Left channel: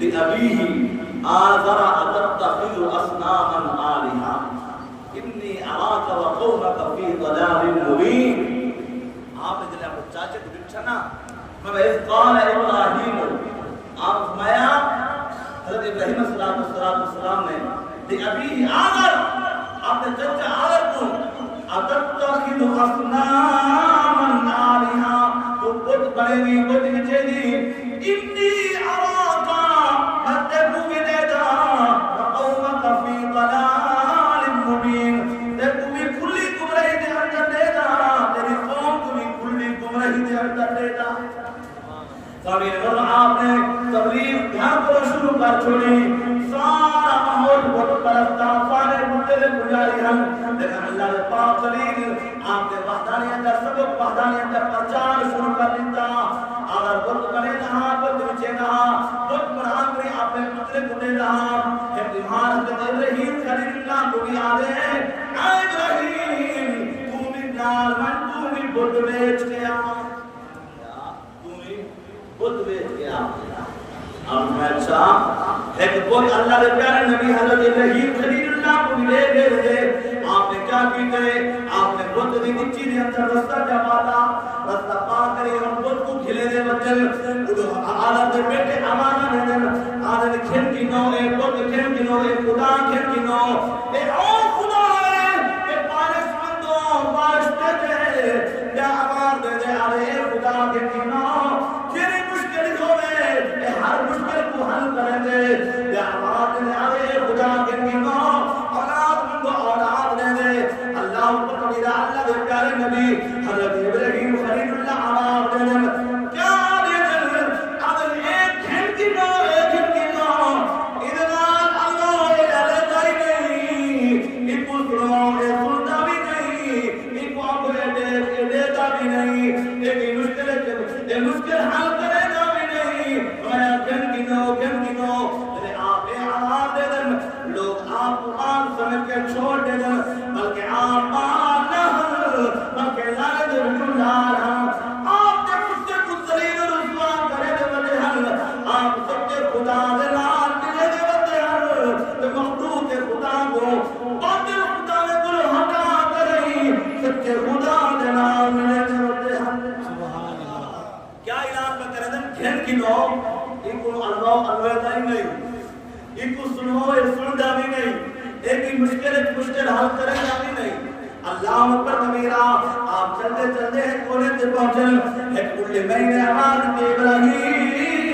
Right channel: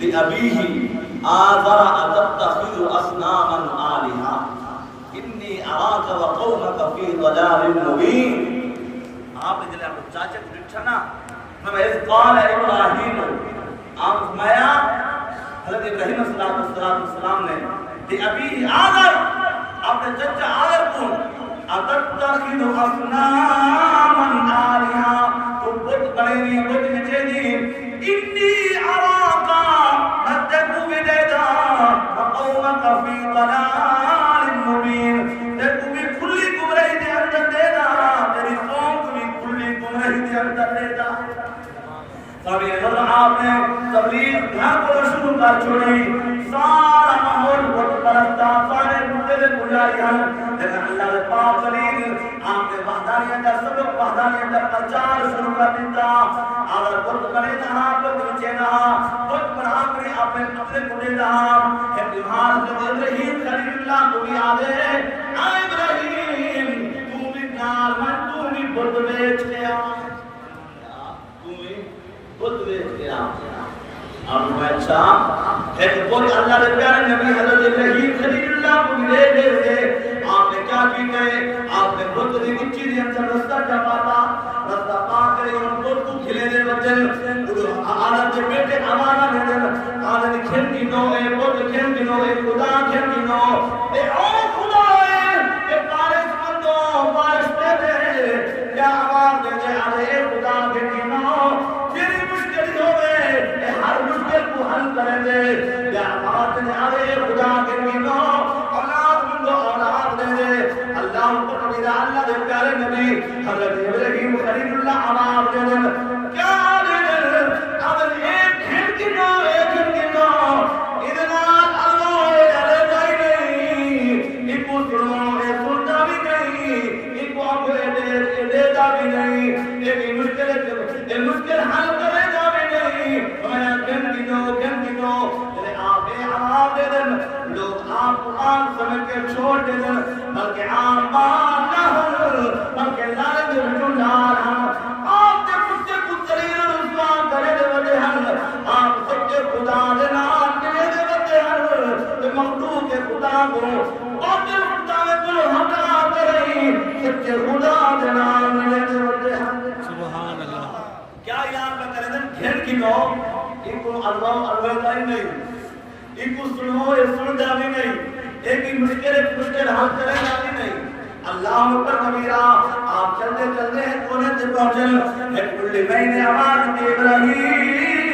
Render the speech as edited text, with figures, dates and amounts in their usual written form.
لأبيه آذر أتتخذ أصناما آلهة إني أراك وقومك في ضلال مبين. آپ نے جلے آپ چاچے کو دکھا نا ہمیں اس قال ابراہیم آپ فرمایا حضرت ابراہیم صلی اللہ علیہ وسلم نے لأبيه آذر آپ نے چچا آذر کو أتتخذ أصناما آلهة تبت بڑھنی بت نچے جی إني أراك أتكو بديتا وقومك في ضلال مبين. تکو بھی کھلی گمراہی کے اندر دینا تیری قوم کو بھی کھلی گمراہی کے اندر دینا. سبھی اگر آپ نے تبلیغ گھر کو شروع کر چھوڑی سارا ماحول بہت پرستا سارے مدد گزاری ہم لیکن اللہ نے پاک خلیل آپ نے وحدانیت کا سبق وحدانیت کا پرچار شروع کر دیتا. اگر بہت کرے نہا بہت نیچے نہا بہت بڑھا کرے آپ نے اپنے کھڑے رہا کہ بیمار جو ابراہیم خلیل اللہ کو بھی آگے اے ابراہیم تو بھی نال من تو بھی بہت بیچ گیا خود بیچ گیا. ہم اچھا ایک بولی اللہ کے پیارے نبی حضرت ابراہیم خلیل اللہ کو لے گئے. آپ نے کیا کی گئے آپ نے خود دی نیچی دی اندر رستہ کیا پاتا رستہ پا کرے ہم خود کو کھلے دے بچن آدھا دے بیٹے آمانا دے دن آدھا دے کھل کی نو اے خود کھل کی نو اے خدا کھل کی نو اے او خدا ہے اے بارش مندو بارش دے دے یا آواز دے دے آدھا اے خدا کھل کی نو ہر مشکل کو حل کریں گے یا آواز نے آئے خدا کے نینو اولاد منگو اولاد دے دے اللہ کو قدیرہ اللہ دے پیارے نبی حضرت ابراہیم خلیل اللہ آواز دے دے کیا دے دے اگر ایک گھن کی نو ادنا اللہ لے جائی نہیں ایکو سنو لے سنتا بھی نہیں ایکو آپ لے دیتا بھی نہیں ایک مشکل حل کرے گا بھی نہیں لوگ آپ قرآن سمجھ کے چھوڑ دے دیں بلکہ آپ بات نہ ہو بلکہ لائن رجل لارا آپ جب اس سے کچھ سلیل رسمان کرے دے بچے ہن آپ سچے خدا دے نام کے لئے دے بچے ہن مخلوق کے خدا کو باطل خدا میں کل ہٹا کریں سچے خدا دے نام کے لئے دے بچے ہن. سبحان اللہ. کیا اعلان کا کرے دن گھن کی لوگ ایکو اللہ الویدہ ہی نہیں ایکو سنو یا سندا بھی نہیں ایک ہی مشکل حل کرے گا بھی نہیں. اللہ اکبر کبیرہ آپ چلتے چلتے ہیں کونے سے پہنچل ایک کلی میں نے آواز کے ابراہیم